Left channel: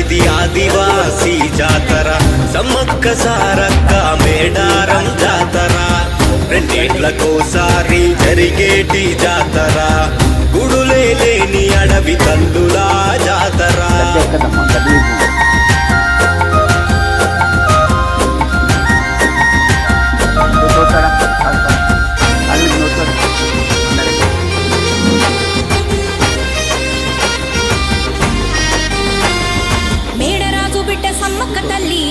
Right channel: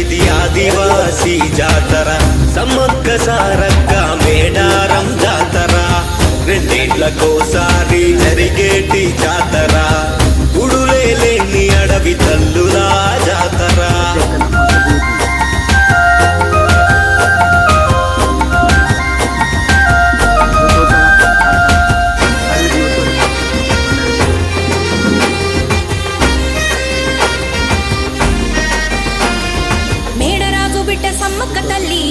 ఇది ఆదివాసీ జాతర సమ్మక్క సారక్క మేడారం జాతర రెండేళ్లకోసారి జరిగేటి జాతర గుడులే లేని అడవి తల్లులా జాతర మేడరాజు బిడ్డ సమ్మక్క తల్లి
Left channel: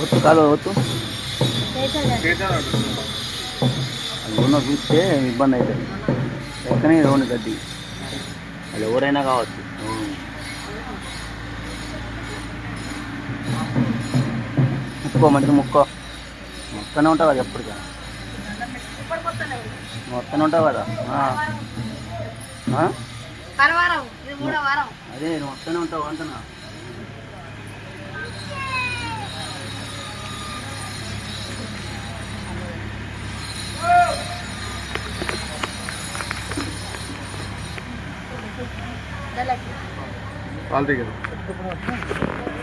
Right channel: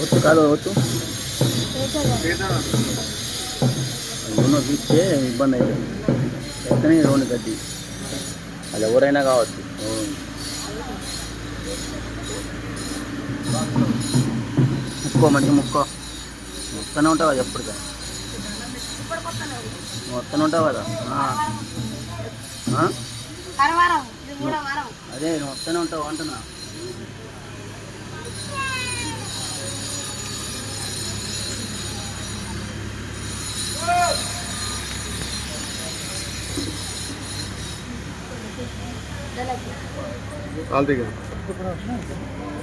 ఒత్తు కాదు ఒత్తు ఉన్న చూస్తే ఇబ్బంది అవుతుంది ఎక్కనే రోడ్డు గడ్డి అది ఎవరైనా కావచ్చు ముక్కో మంచిగా ముక్కో మొత్తనే ఉంటావు కదా ఎప్పటికా మొత్తనే ఉంటావు కదా అదే నువ్వు వస్తూనే ఉంటావు అంటున్నా I'll take it.